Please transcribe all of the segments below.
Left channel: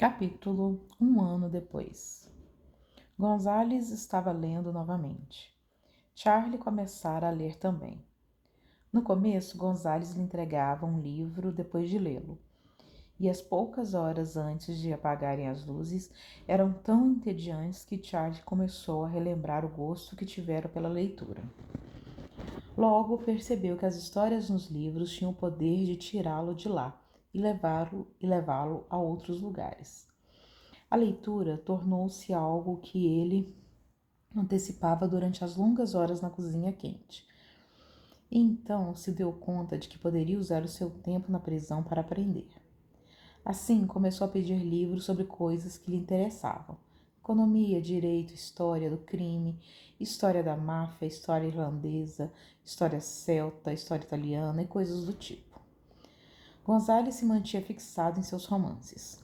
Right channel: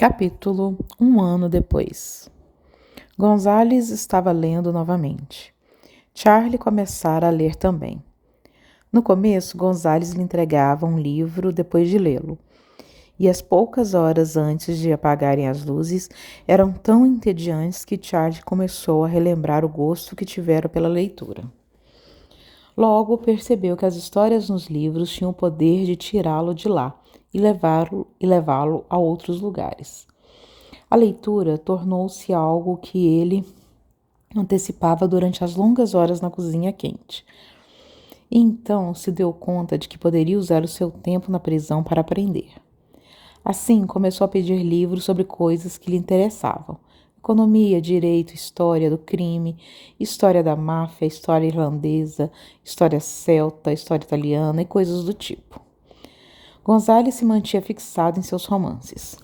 Capítulo 1 ano depois. Gonzales estava lendo novamente. Charlie começara a ler também. No começo, Gonzales lhe entregava um livro depois de lê-lo, e as poucas horas antes de apagarem as luzes eram tão entediantes que Charlie começou a relembrar o gosto que tivera pela leitura. Logo percebeu que as histórias nos livros tinham o poder de tirá-lo de lá e levá-lo a outros lugares. A leitura tornou-se algo que ele antecipava durante as longas horas na cozinha quente. E então se deu conta de que poderia usar o seu tempo na prisão para aprender. Assim, começou a pedir livros sobre coisas que lhe interessavam: economia, direito, história do crime, história da máfia, história irlandesa, história celta, história italiana e coisas do tipo. Gonzales se mantinha fixado em seus romances.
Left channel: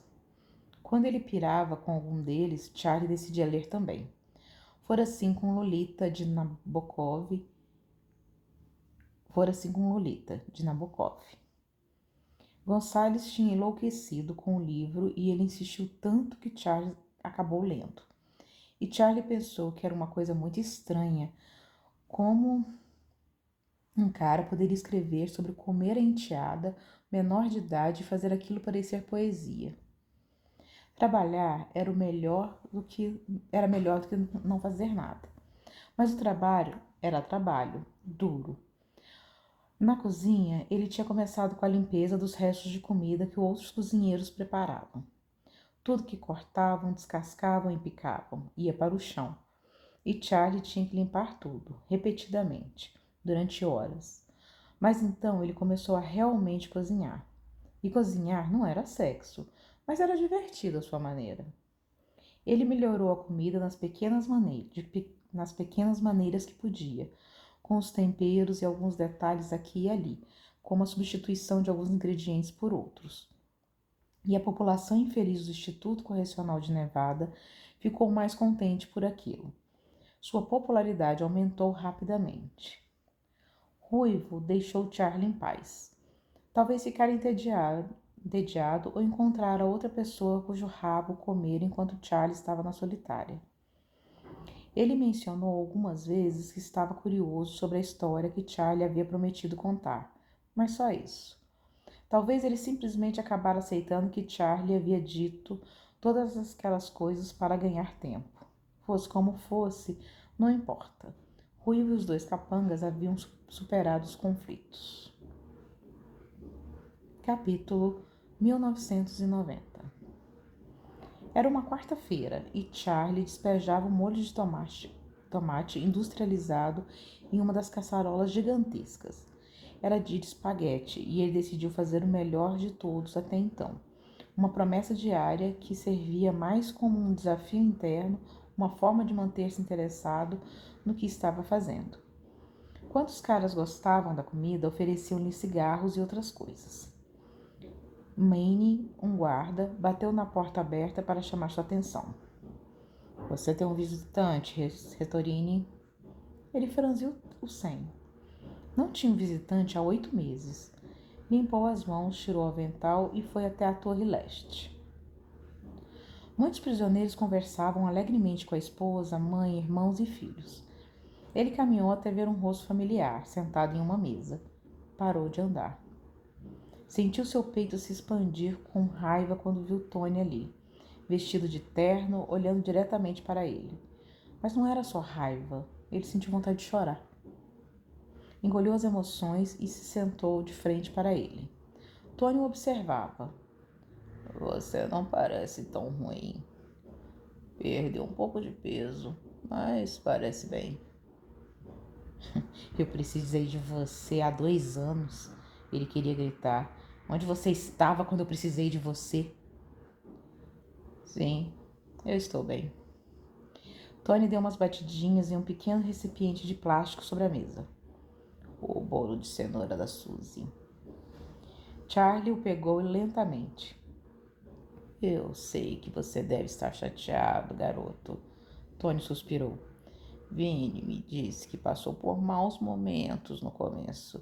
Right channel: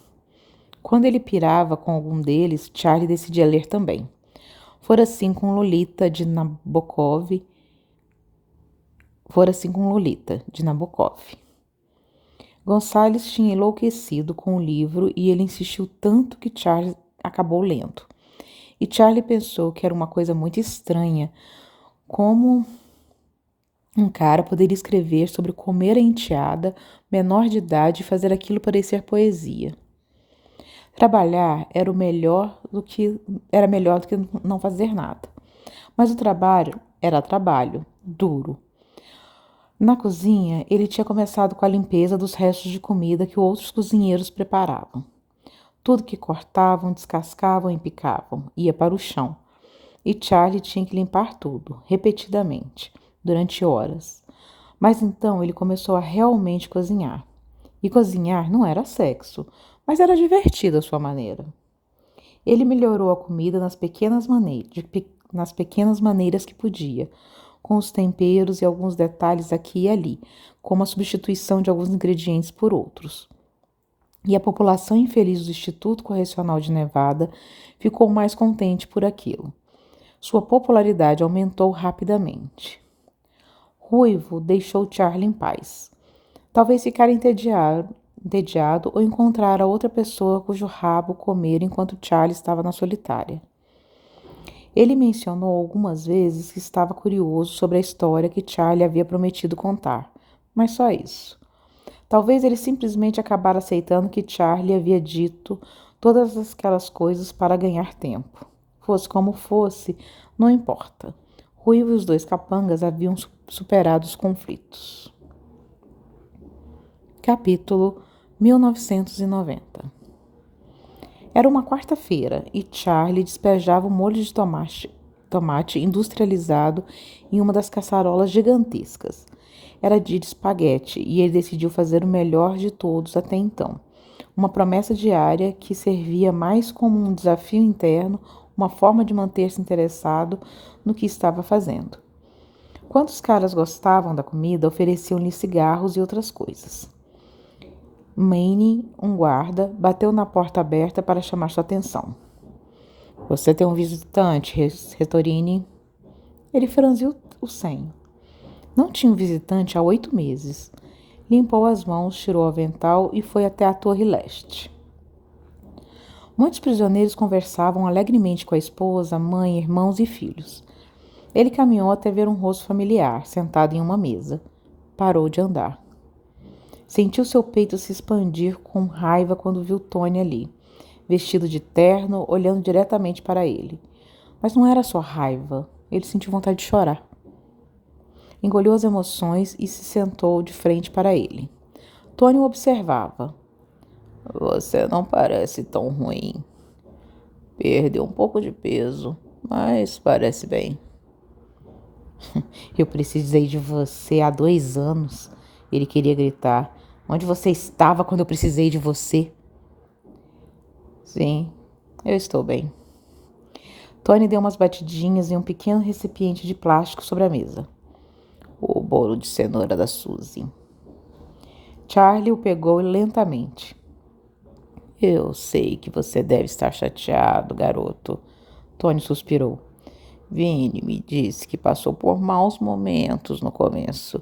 Quando ele pirava com algum deles, Charlie decidia ler também. Fora assim com Lolita, de Nabokov. Gonzales tinha enlouquecido com o livro e ele insistiu tanto que Charlie acabou lendo. E Charlie pensou que era uma coisa muito estranha, como um cara poderia escrever sobre comer a enteada, menor de idade, e fazer aquilo parecer poesia. Trabalhar era melhor do que não fazer nada. Mas o trabalho era trabalho, duro. Na cozinha, ele tinha começado com a limpeza dos restos de comida que outros cozinheiros preparavam. Tudo que cortavam, descascavam e picavam ia para o chão. E Charlie tinha que limpar tudo, repetidamente, durante horas. Mas então ele começou a realmente cozinhar. E cozinhar não era sexo, mas era divertido à sua maneira. Ele melhorou a comida nas pequenas maneiras que podia, com os temperos e alguns detalhes aqui e ali, como a substituição de alguns ingredientes por outros. E a população infeliz do Instituto Correcional de Nevada ficou mais contente por aquilo. Sua popularidade aumentou rapidamente. Ruivo deixou Charlie em paz. Talvez ficara entediado ou encontrara outra pessoa cujo rabo comer enquanto Charlie estava na solitária. Ele mencionou algumas vezes que estava curioso sobre a história que Charlie havia prometido contar, mas só isso. Talvez ele simplesmente acabara aceitando que Charlie havia dito todas aquelas coisas para ganhar tempo. Fosse como fosse, não importa. Ruivo e os dois capangas haviam superado os conflitos. Capítulo 1990. Era uma quarta-feira e Charlie despejava um molho de tomate industrializado em uma das caçarolas gigantescas. Era dia de espaguete e ele decidiu fazer o melhor de todos até então. Uma promessa diária que servia mais como um desafio interno, uma forma de manter-se interessado no que estava fazendo. Quando os caras gostavam da comida, ofereciam-lhe cigarros e outras coisas. Manny, um guarda, bateu na porta aberta para chamar sua atenção. Você tem um visitante, Retorini? Ele franziu o senho. Não tinha um visitante há 8 meses. Limpou as mãos, tirou o avental e foi até a torre leste. Muitos prisioneiros conversavam alegremente com a esposa, mãe, irmãos e filhos. Ele caminhou até ver um rosto familiar, sentado em uma mesa. Parou de andar. Sentiu seu peito se expandir com raiva quando viu Tony ali, vestido de terno, olhando diretamente para ele. Mas não era só raiva, ele sentiu vontade de chorar. Engoliu as emoções e se sentou de frente para ele. Tony o observava. Você não parece tão ruim. Perdeu um pouco de peso, mas parece bem. Eu precisei de você há 2 anos, ele queria gritar. Onde você estava quando eu precisei de você? Sim, eu estou bem. Tony deu umas batidinhas em um pequeno recipiente de plástico sobre a mesa. O bolo de cenoura da Suzy. Charlie o pegou lentamente. Eu sei que você deve estar chateado, garoto. Tony suspirou. Vinny me disse que passou por maus momentos no começo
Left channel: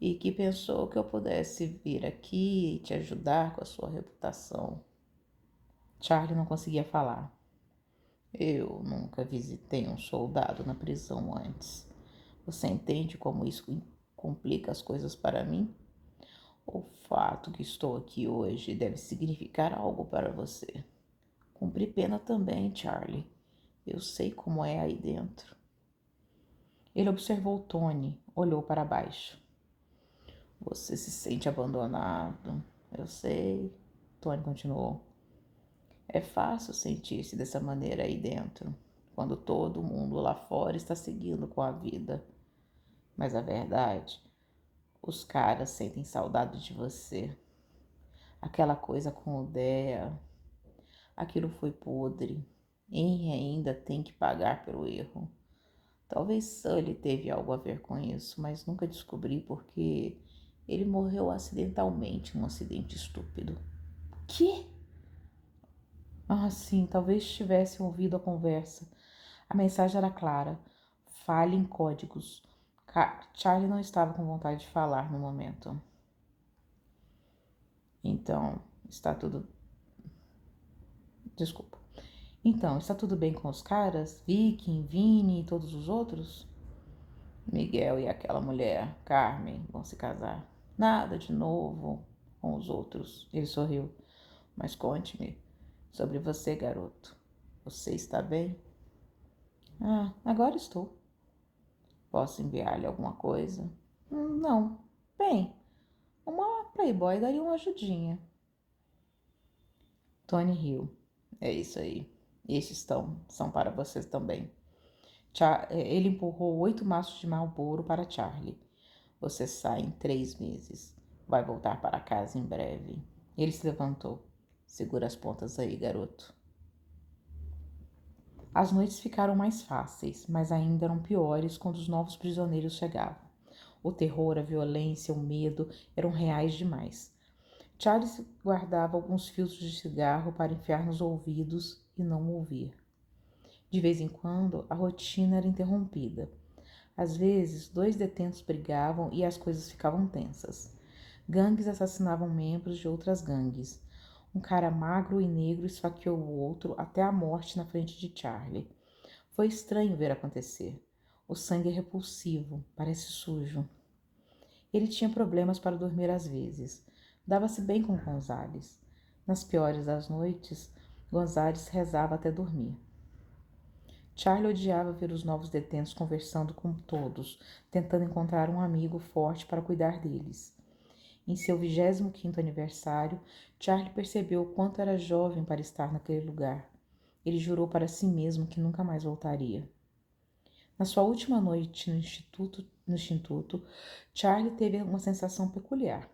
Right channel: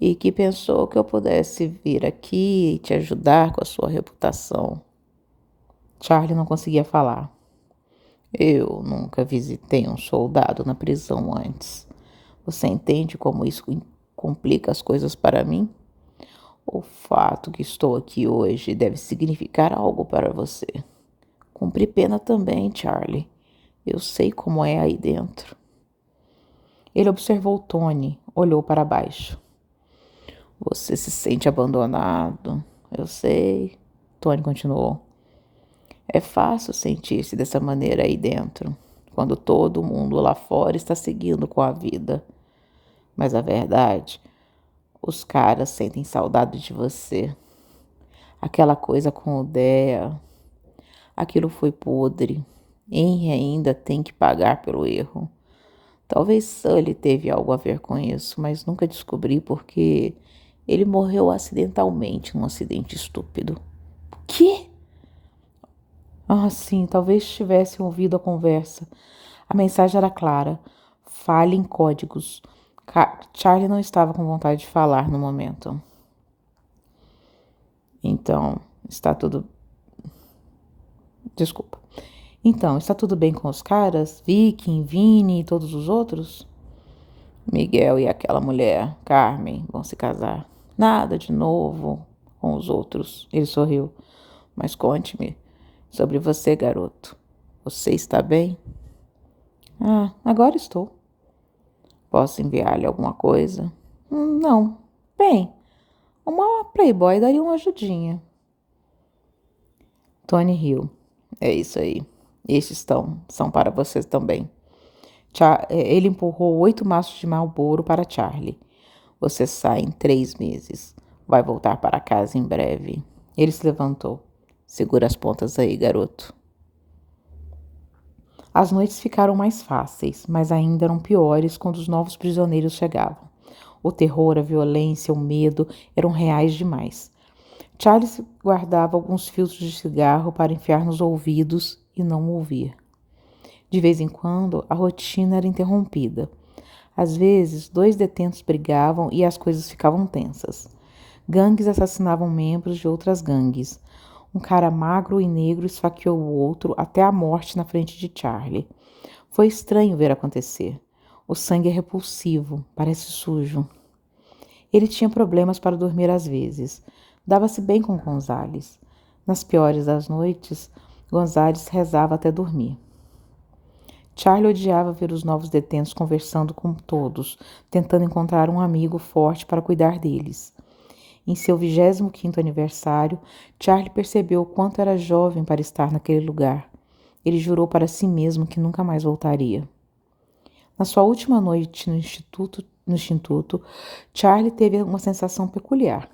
e que pensou que eu pudesse vir aqui e te ajudar com a sua reputação. Charlie não conseguia falar. Eu nunca visitei um soldado na prisão antes. Você entende como isso complica as coisas para mim? O fato que estou aqui hoje deve significar algo para você. Cumpri pena também, Charlie. Eu sei como é aí dentro. Ele observou Tony, olhou para baixo. Você se sente abandonado. Eu sei. Tony continuou. É fácil sentir-se dessa maneira aí dentro, quando todo mundo lá fora está seguindo com a vida. Mas a verdade, os caras sentem saudade de você. Aquela coisa com o Dea, aquilo foi podre. Henry ainda tem que pagar pelo erro. Talvez Sully teve algo a ver com isso, mas nunca descobri porque ele morreu acidentalmente num acidente estúpido. Que? Ah, sim, talvez tivessem ouvido a conversa. A mensagem era clara. Fale em códigos. Charlie não estava com vontade de falar no momento. Então, está tudo... Desculpa. Então, está tudo bem com os caras? Vicky, Vini e todos os outros? Miguel e aquela mulher, Carmen, vão se casar. Nada de novo com os outros. Ele sorriu. Mas conte-me sobre você, garoto. Você está bem? Ah, agora estou. Posso enviar-lhe alguma coisa? Não. Bem, uma Playboy daria uma ajudinha. Tony riu. É isso aí. Estes são para vocês também. Ele empurrou 8 maços de Marlboro para Charlie. Você sai em 3 meses. Vai voltar para casa em breve. Ele se levantou. Segura as pontas aí, garoto. As noites ficaram mais fáceis, mas ainda eram piores quando os novos prisioneiros chegavam. O terror, a violência, o medo eram reais demais. Charles guardava alguns filtros de cigarro para enfiar nos ouvidos e não ouvir. De vez em quando, a rotina era interrompida. Às vezes, 2 detentos brigavam e as coisas ficavam tensas. Gangues assassinavam membros de outras gangues. Um cara magro e negro esfaqueou o outro até a morte na frente de Charlie. Foi estranho ver acontecer. O sangue é repulsivo, parece sujo. Ele tinha problemas para dormir às vezes. Dava-se bem com Gonzales. Nas piores das noites, Gonzales rezava até dormir. Charlie odiava ver os novos detentos conversando com todos, tentando encontrar um amigo forte para cuidar deles. Em seu 25º aniversário, Charlie percebeu o quanto era jovem para estar naquele lugar. Ele jurou para si mesmo que nunca mais voltaria. Na sua última noite no instituto, Charlie teve uma sensação peculiar.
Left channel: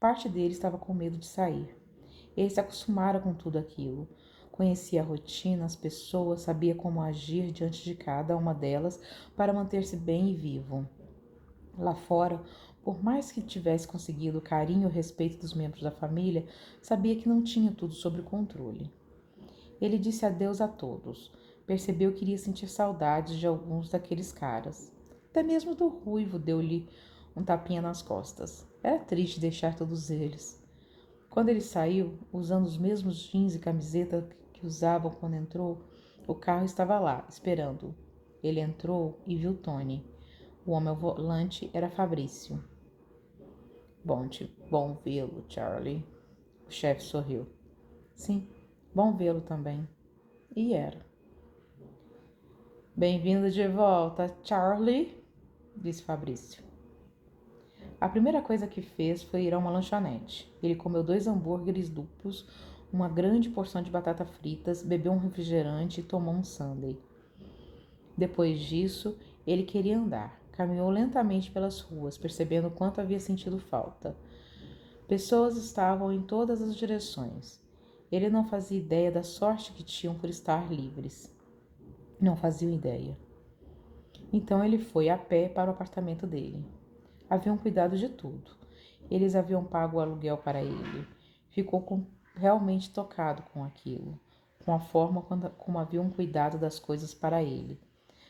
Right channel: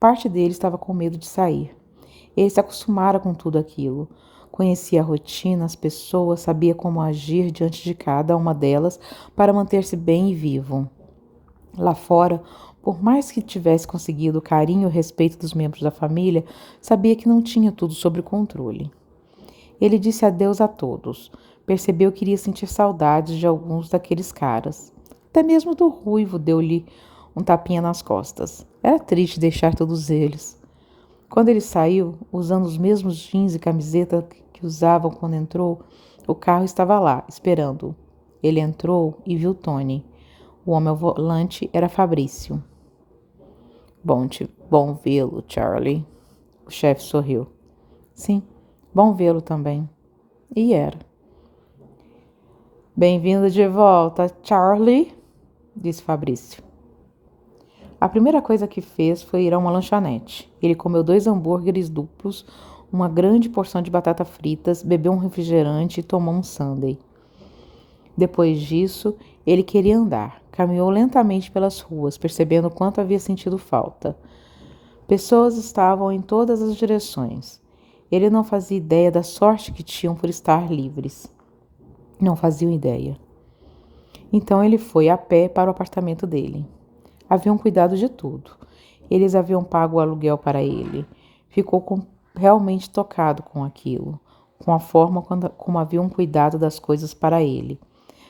Parte dele estava com medo de sair. Ele se acostumara com tudo aquilo. Conhecia a rotina, as pessoas, sabia como agir diante de cada uma delas para manter-se bem e vivo. Lá fora, por mais que tivesse conseguido o carinho e o respeito dos membros da família, sabia que não tinha tudo sob controle. Ele disse adeus a todos. Percebeu que iria sentir saudades de alguns daqueles caras. Até mesmo do Ruivo deu-lhe um tapinha nas costas. Era triste deixar todos eles. Quando ele saiu, usando os mesmos jeans e camiseta que usavam quando entrou, o carro estava lá, esperando-o. Ele entrou e viu Tony. O homem ao volante era Fabrício. Bom vê-lo, Charlie. O chefe sorriu. Sim, bom vê-lo também. E era. Bem-vindo de volta, Charlie, disse Fabrício. A primeira coisa que fez foi ir a uma lanchonete. Ele comeu 2 hambúrgueres duplos, uma grande porção de batata fritas, bebeu um refrigerante e tomou um sundae. Depois disso, ele queria andar. Caminhou lentamente pelas ruas, percebendo quanto havia sentido falta. Pessoas estavam em todas as direções. Ele não fazia ideia da sorte que tinham por estar livres. Não faziam ideia. Então ele foi a pé para o apartamento dele. Haviam cuidado de tudo. Eles haviam pago o aluguel para ele. Ficou realmente tocado com aquilo, com a forma como haviam cuidado das coisas para ele.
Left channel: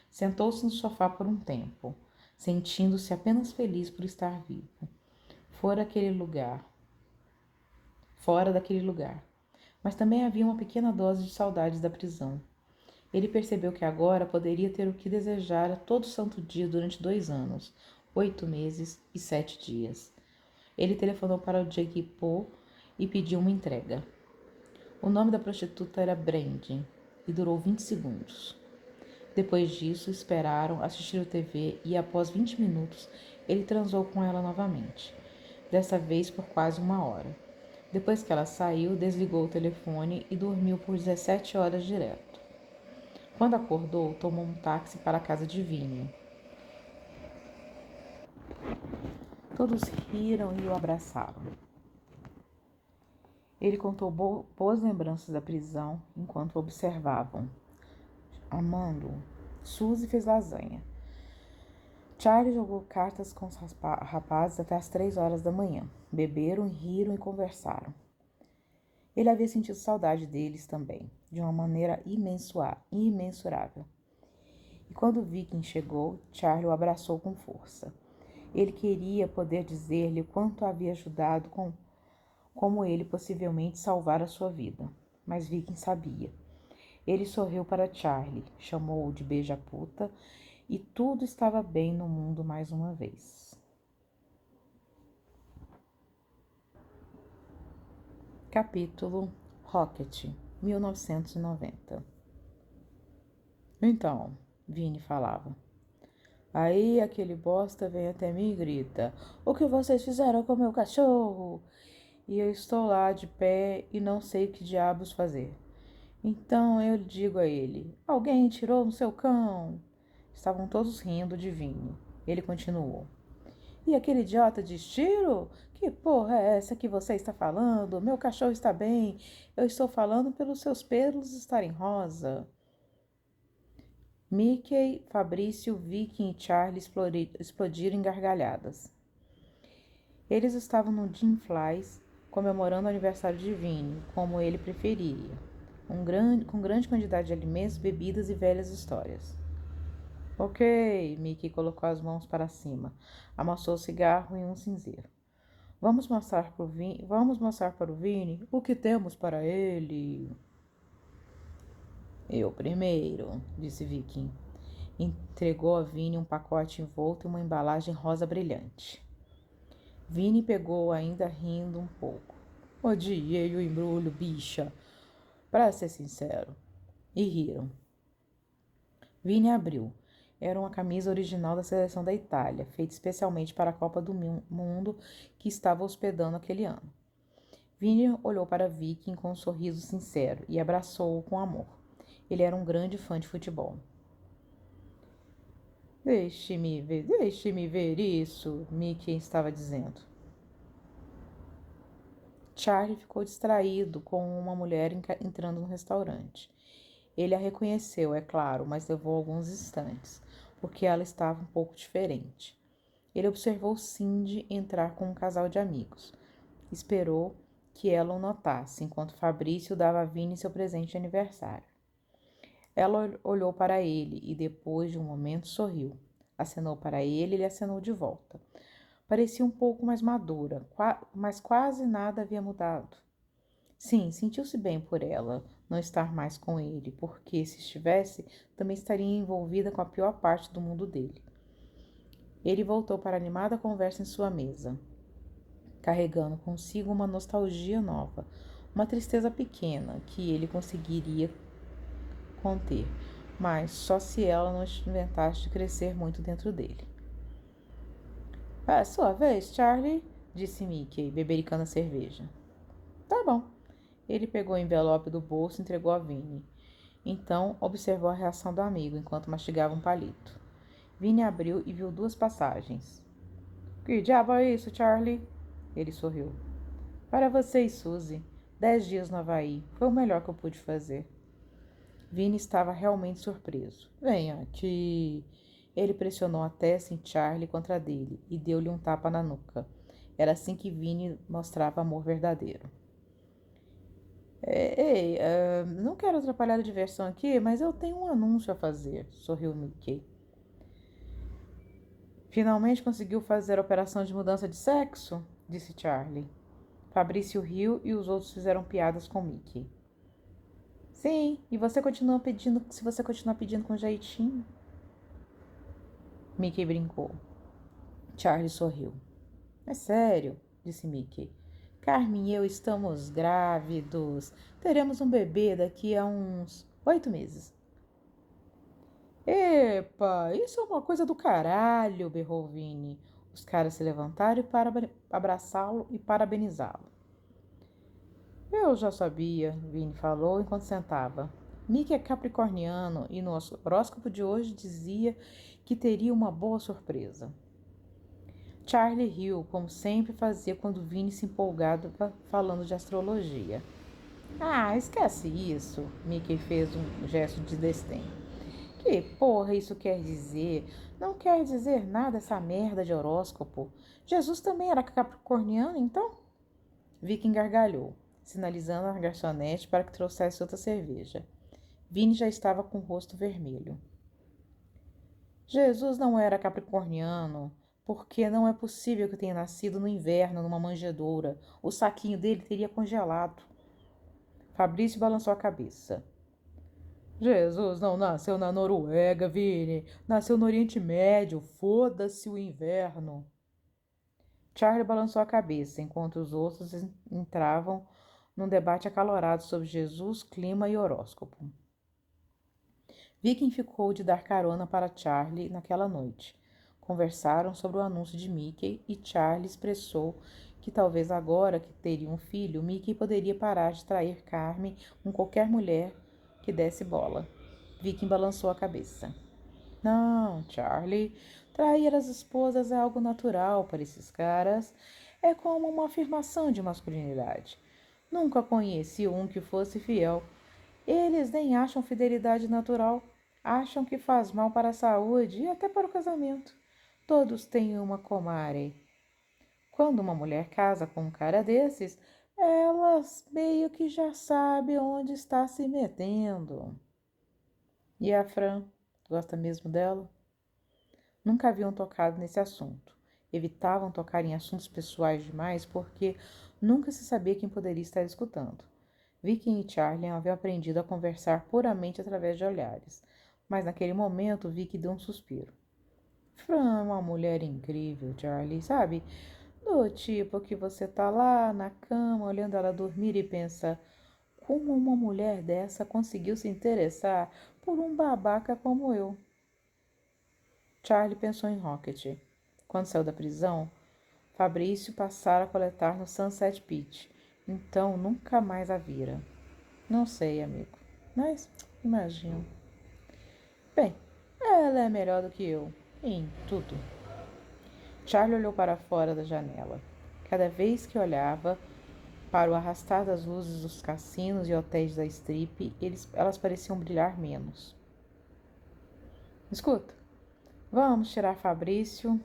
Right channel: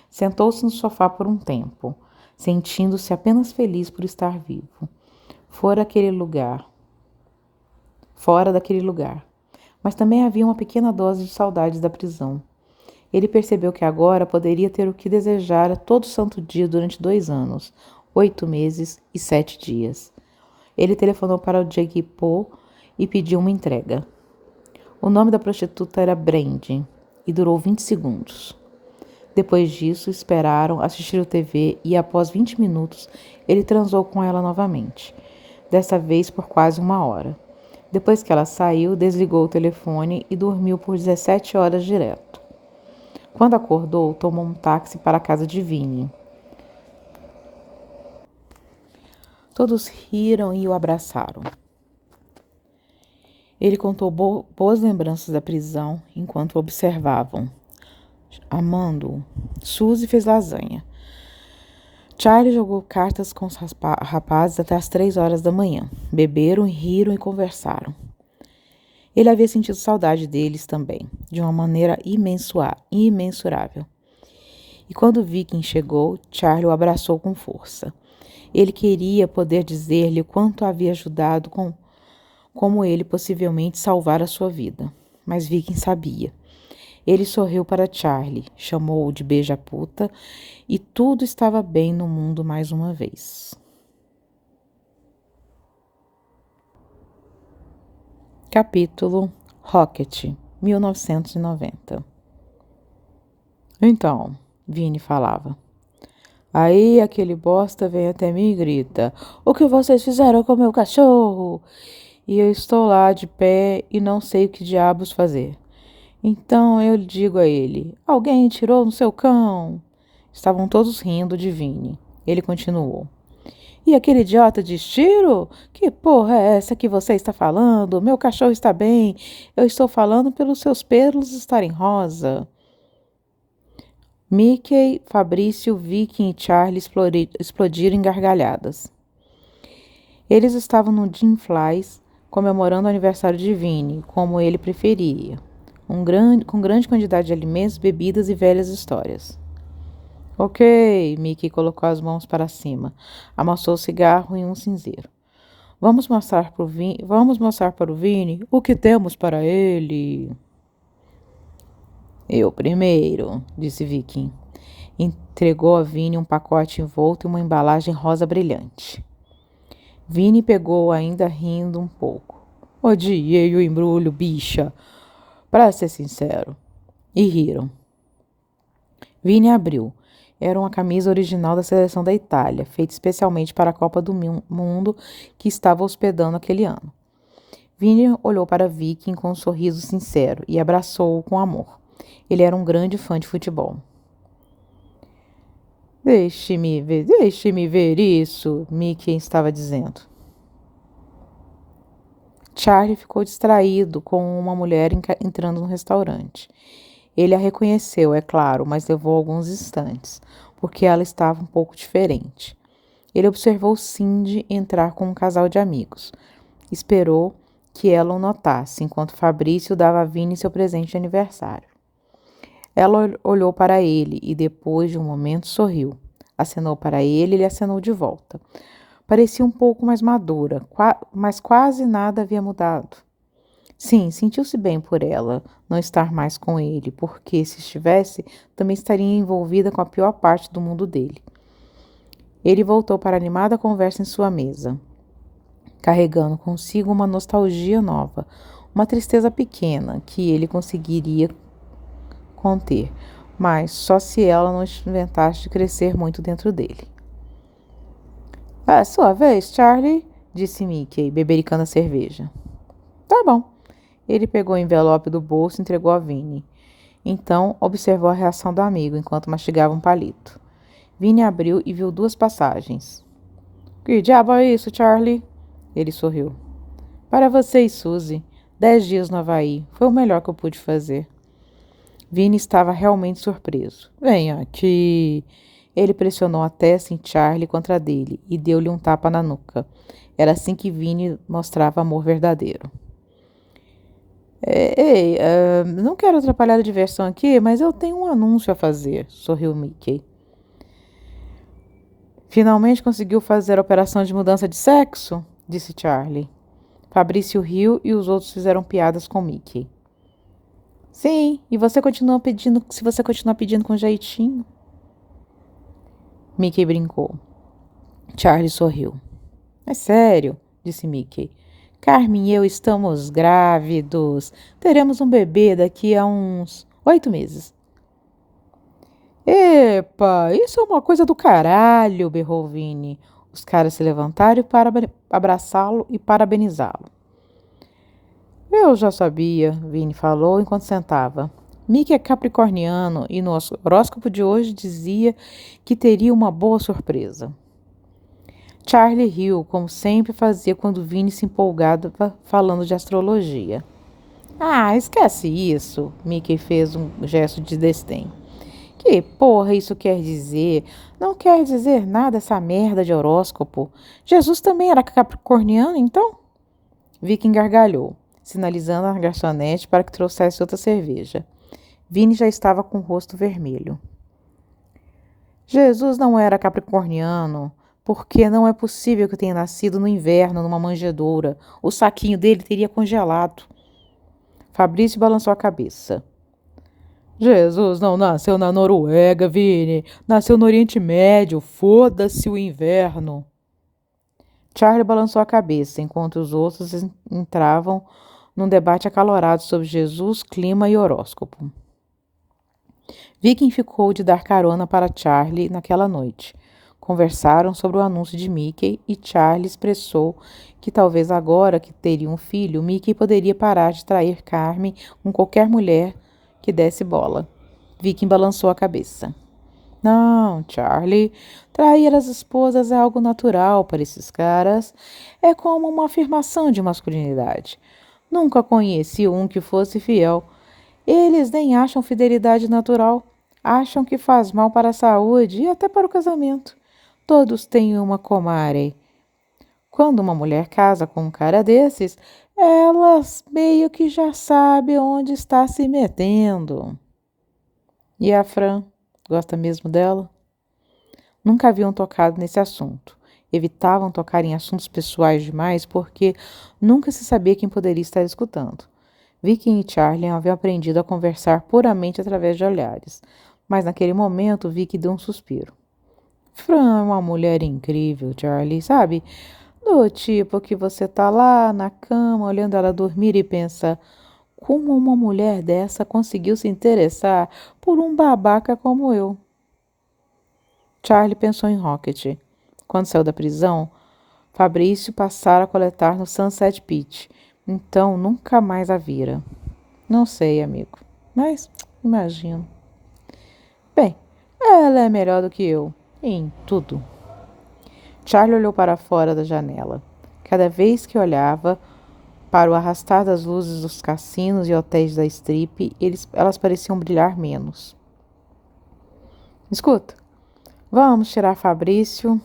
Sentou-se no sofá por um tempo, sentindo-se apenas feliz por estar vivo. Fora daquele lugar. mas também havia uma pequena dose de saudades da prisão. Ele percebeu que agora poderia ter o que desejara todo santo dia durante 2 anos, 8 meses e 7 dias. Ele telefonou para o Jake Paul e pediu uma entrega. O nome da prostituta era Brandy e durou 20 segundos. Depois disso, esperaram, assistiram TV e, após 20 minutos, ele transou com ela novamente, dessa vez por quase 1 hora. Depois que ela saiu, desligou o telefone e dormiu por 17 horas direto. Quando acordou, tomou um táxi para a casa de Vinnie. Todos riram e o abraçaram. Ele contou boas lembranças da prisão enquanto o observavam. Amando-o, Suzy fez lasanha. Charlie jogou cartas com os rapazes até as 3 horas da manhã. Beberam, riram e conversaram. Ele havia sentido saudade deles também, de uma maneira imensurável. E quando Viking chegou, Charlie o abraçou com força. Ele queria poder dizer-lhe o quanto havia ajudado como ele possivelmente salvar a sua vida. Mas Viking sabia. Ele sorriu para Charlie, chamou-o de beija-puta e tudo estava bem no mundo mais uma vez. Capítulo Rocket, 1990. Então, Vinnie falava. Aí aquele bosta vem até mim e grita: "O que vocês fizeram com meu cachorro?" E eu estou lá de pé e não sei o que diabos fazer. Então eu digo a ele: "Alguém tirou no seu cão?" Estavam todos rindo de Vinnie. Ele continuou: "E aquele idiota de tiro? Que porra é essa que você está falando? Meu cachorro está bem. Eu estou falando pelos seus pelos estarem rosa." Mickey, Fabrício, Vicky e Charlie explodiram em gargalhadas. Eles estavam no Jim Flies, comemorando o aniversário de Vinnie, como ele preferia, com grande quantidade de alimentos, bebidas e velhas histórias. Ok, Mickey colocou as mãos para cima, amassou o cigarro em um cinzeiro. Vamos mostrar para o Vinnie o que temos para ele. Eu primeiro, disse Viking. Entregou a Vinnie um pacote envolto em uma embalagem rosa brilhante. Vinnie pegou, ainda rindo um pouco. Odiei o embrulho, bicha. Para ser sincero. E riram. Vinnie abriu. Era uma camisa original da seleção da Itália, feita especialmente para a Copa do Mundo que estava hospedando aquele ano. Vinnie olhou para Viking com um sorriso sincero e abraçou-o com amor. Ele era um grande fã de futebol. Deixe-me ver isso, Mickey estava dizendo. Charlie ficou distraído com uma mulher entrando no restaurante. Ele a reconheceu, é claro, mas levou alguns instantes, porque ela estava um pouco diferente. Ele observou Cindy entrar com um casal de amigos. Esperou que ela o notasse, enquanto Fabrício dava a Vinnie seu presente de aniversário. Ela olhou para ele e, depois de um momento, sorriu. Acenou para ele e ele acenou de volta. Parecia um pouco mais madura, mas quase nada havia mudado. Sim, sentiu-se bem por ela não estar mais com ele, porque, se estivesse, também estaria envolvida com a pior parte do mundo dele. Ele voltou para a animada conversa em sua mesa, carregando consigo uma nostalgia nova, uma tristeza pequena que ele conseguiria conter, mas só se ela não inventasse de crescer muito dentro dele. É sua vez, Charlie, disse Mickey, bebericando a cerveja. Tá bom. Ele pegou o envelope do bolso e entregou a Vinnie. Então, observou a reação do amigo enquanto mastigava um palito. Vinnie abriu e viu 2 passagens. Que diabo é isso, Charlie? Ele sorriu. Para você e Suzy. 10 dias no Havaí. Foi o melhor que eu pude fazer. Vinnie estava realmente surpreso. Venha aqui. Ele pressionou a testa em Charlie contra a dele e deu-lhe um tapa na nuca. Era assim que Vinnie mostrava amor verdadeiro. Ei, não quero atrapalhar a diversão aqui, mas eu tenho um anúncio a fazer, sorriu Mickey. Finalmente conseguiu fazer a operação de mudança de sexo? Disse Charlie. Fabrício riu e os outros fizeram piadas com Mickey. Sim, e você continua pedindo, se você continuar pedindo com jeitinho. Mickey brincou. Charlie sorriu. É sério, disse Mickey. Carmen e eu estamos grávidos. Teremos um bebê daqui a uns 8 meses. Epa, isso é uma coisa do caralho, berrou Vini. Os caras se levantaram para abraçá-lo e parabenizá-lo. Eu já sabia, Vini falou enquanto sentava. Mickey é capricorniano e no horóscopo de hoje dizia que teria uma boa surpresa. Charlie riu, como sempre fazia quando Vini se empolgava falando de astrologia. Ah, esquece isso, Mickey fez um gesto de desdém. Que porra isso quer dizer? Não quer dizer nada essa merda de horóscopo. Jesus também era capricorniano, então? Vicky gargalhou, sinalizando à garçonete para que trouxesse outra cerveja. Vini já estava com o rosto vermelho. Jesus não era capricorniano, porque não é possível que tenha nascido no inverno numa manjedoura. O saquinho dele teria congelado. Fabrício balançou a cabeça. Jesus não nasceu na Noruega, Vini. Nasceu no Oriente Médio. Foda-se o inverno. Charlie balançou a cabeça, enquanto os outros entravam num debate acalorado sobre Jesus, clima e horóscopo. Viking ficou de dar carona para Charlie naquela noite. Conversaram sobre o anúncio de Mickey e Charlie expressou que talvez agora que teria um filho, Mickey poderia parar de trair Carmen com qualquer mulher que desse bola. Viking balançou a cabeça. Não, Charlie, trair as esposas é algo natural para esses caras. É como uma afirmação de masculinidade. Nunca conheci um que fosse fiel. Eles nem acham fidelidade natural. Acham que faz mal para a saúde e até para o casamento. Todos têm uma comadre. Quando uma mulher casa com um cara desses, elas meio que já sabem onde está se metendo. E a Fran, gosta mesmo dela? Nunca haviam tocado nesse assunto. Evitavam tocar em assuntos pessoais demais porque nunca se sabia quem poderia estar escutando. Vicky e Charlie haviam aprendido a conversar puramente através de olhares, mas naquele momento Vicky deu um suspiro. Fran é uma mulher incrível, Charlie, sabe? Do tipo que você tá lá na cama olhando ela dormir e pensa: como uma mulher dessa conseguiu se interessar por um babaca como eu? Charlie pensou em Rocket. Quando saiu da prisão, Fabrício passara a coletar no Sunset Beach. Então, nunca mais a vira. Não sei, amigo, mas imagino. Bem, ela é melhor do que eu, em tudo. Charlie olhou para fora da janela. Cada vez que olhava para o arrastar das luzes dos cassinos e hotéis da Strip, elas pareciam brilhar menos. Escuta, vamos tirar Fabrício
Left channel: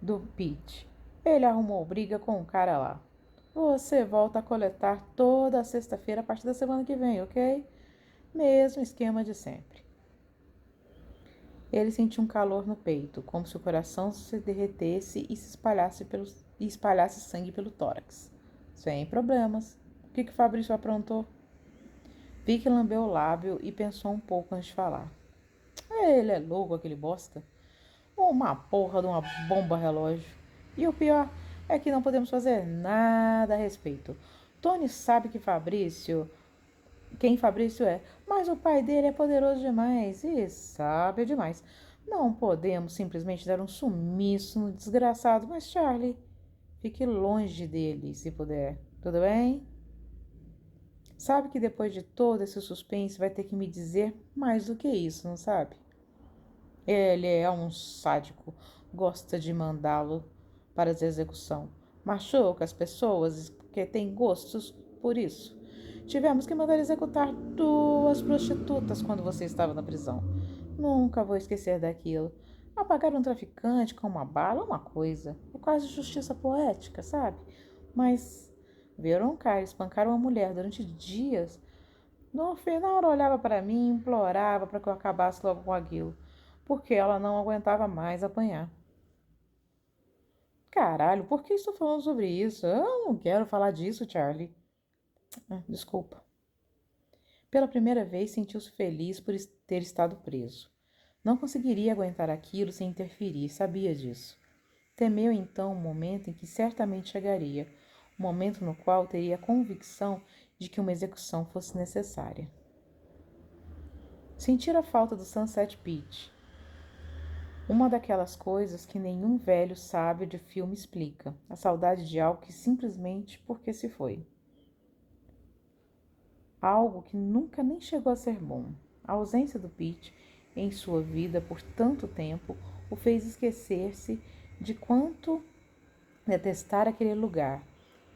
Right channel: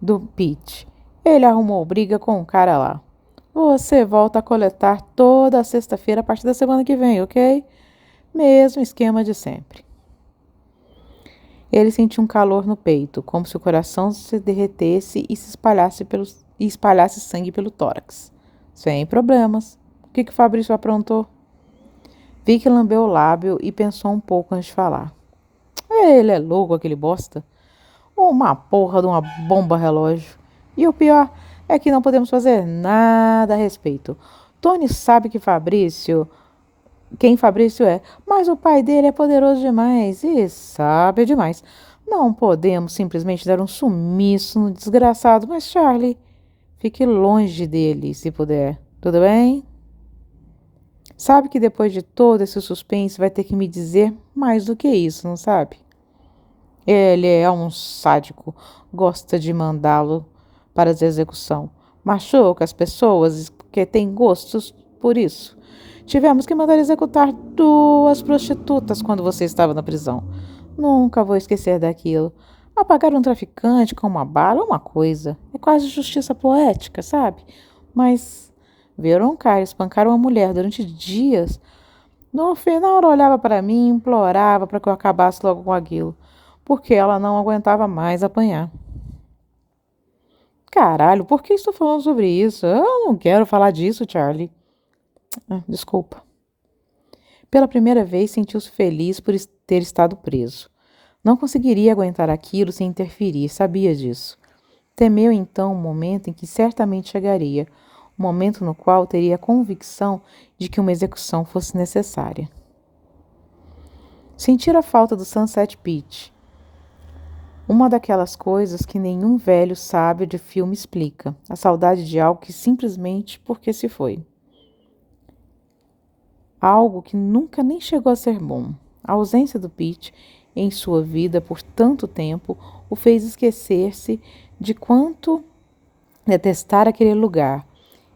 do Pete. Ele arrumou briga com o cara lá. Você volta a coletar toda sexta-feira a partir da semana que vem, ok? Mesmo esquema de sempre. Ele sentiu um calor no peito, como se o coração se derretesse e espalhasse sangue pelo tórax. Sem problemas. O que Fabrício aprontou? Vicky lambeu o lábio e pensou um pouco antes de falar. Ele é louco, aquele bosta. Uma porra de uma bomba relógio. E o pior é que não podemos fazer nada a respeito. Tony sabe quem Fabrício é, mas o pai dele é poderoso demais e sabe demais. Não podemos simplesmente dar um sumiço no desgraçado, mas Charlie, fique longe dele, se puder. Tudo bem? Sabe que depois de todo esse suspense vai ter que me dizer mais do que isso, não sabe? Ele é um sádico, gosta de mandá-lo para a execução. Machuca as pessoas que têm gostos por isso. Tivemos que mandar executar 2 prostitutas quando você estava na prisão. Nunca vou esquecer daquilo. Apagar um traficante com uma bala é uma coisa. É quase justiça poética, sabe? Mas ver um cara espancar uma mulher durante dias. No final, ela olhava para mim e implorava para que eu acabasse logo com aquilo, porque ela não aguentava mais apanhar. Caralho, por que estou falando sobre isso? Eu não quero falar disso, Charlie. Desculpa. Pela primeira vez, sentiu-se feliz por ter estado preso. Não conseguiria aguentar aquilo sem interferir, sabia disso. Temeu então o momento em que certamente chegaria, o momento no qual teria a convicção de que uma execução fosse necessária. Sentir a falta do Sunset Beach. Uma daquelas coisas que nenhum velho sábio de filme explica. A saudade de algo que simplesmente porque se foi. Algo que nunca nem chegou a ser bom. A ausência do Pete em sua vida por tanto tempo o fez esquecer-se de quanto detestar aquele lugar,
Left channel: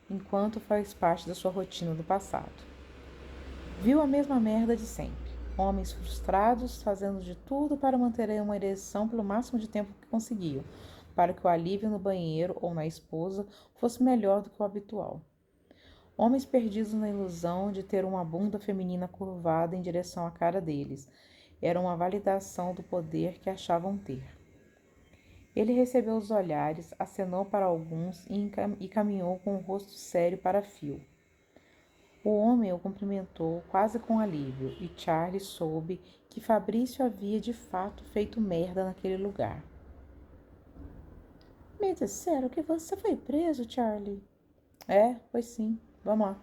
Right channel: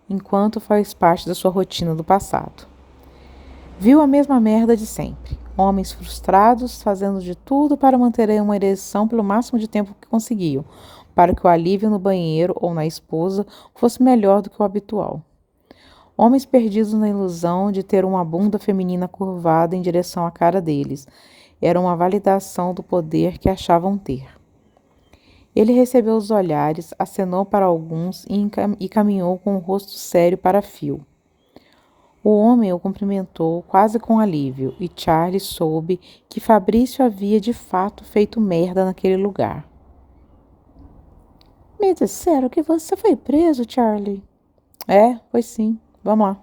enquanto faz parte da sua rotina do passado. Viu a mesma merda de sempre. Homens frustrados fazendo de tudo para manterem uma ereção pelo máximo de tempo que conseguiam, para que o alívio no banheiro ou na esposa fosse melhor do que o habitual. Homens perdidos na ilusão de ter uma bunda feminina curvada em direção à cara deles. Era uma validação do poder que achavam ter. Ele recebeu os olhares, acenou para alguns e caminhou com o rosto sério para Phil. O homem o cumprimentou quase com alívio, e Charlie soube que Fabrício havia de fato feito merda naquele lugar. Me disseram que você foi preso, Charlie. Foi sim. Vamos lá.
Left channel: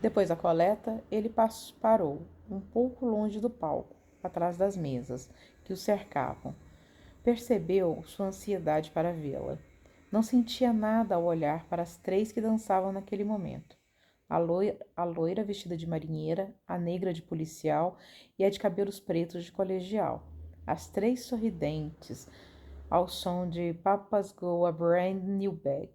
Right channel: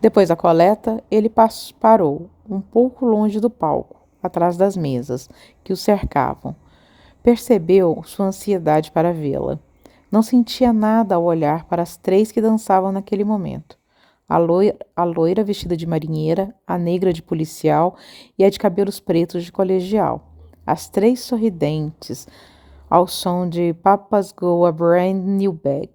Depois da coleta, ele parou, um pouco longe do palco, atrás das mesas que o cercavam. Percebeu sua ansiedade para vê-la. Não sentia nada ao olhar para as três que dançavam naquele momento. A loira vestida de marinheira, a negra de policial e a de cabelos pretos de colegial. As três sorridentes, ao som de Papa's Go a Brand New Bag.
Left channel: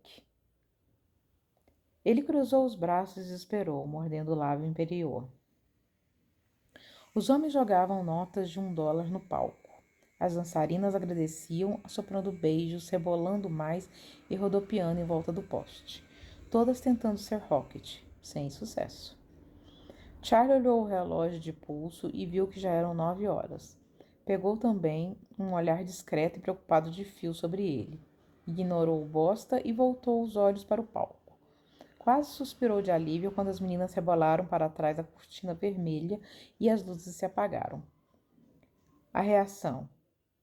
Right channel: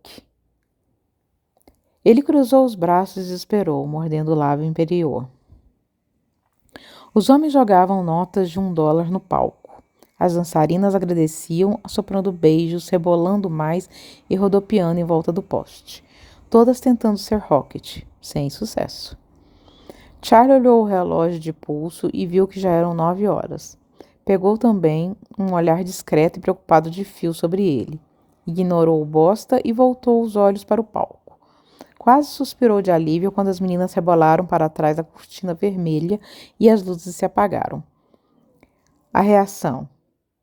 Ele cruzou os braços e esperou, mordendo o lábio inferior. Os homens jogavam notas de $1 no palco. As dançarinas agradeciam, assoprando beijos, rebolando mais e rodopiando em volta do poste. Todas tentando ser Rocket, sem sucesso. Charlie olhou o relógio de pulso e viu que já eram 9 horas. Pegou também um olhar discreto e preocupado de Phil sobre ele. Ignorou o bosta e voltou os olhos para o palco. Quase suspirou de alívio quando as meninas rebolaram para trás da cortina vermelha e as luzes se apagaram. A reação.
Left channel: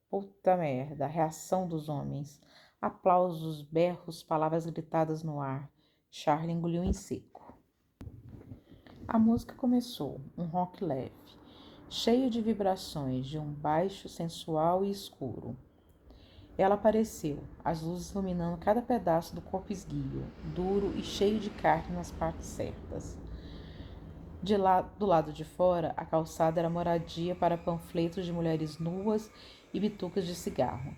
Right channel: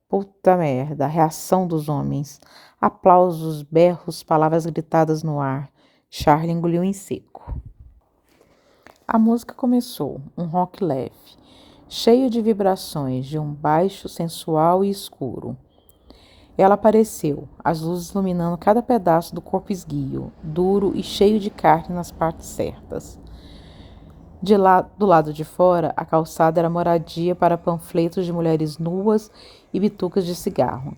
Puta merda, a reação dos homens. Aplausos, berros, palavras gritadas no ar. Charlie engoliu em seco. A música começou, um rock leve, cheio de vibrações, de um baixo sensual e escuro. Ela apareceu, as luzes iluminando cada pedaço do corpo esguio, duro e cheio de carne nas partes certas. Do lado de fora, a calçada era moradia para panfletos de mulheres nuas e bitucas de cigarro.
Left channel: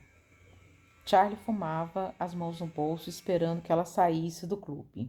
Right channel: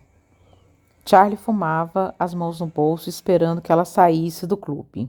Charlie fumava, as mãos no bolso, esperando que ela saísse do clube.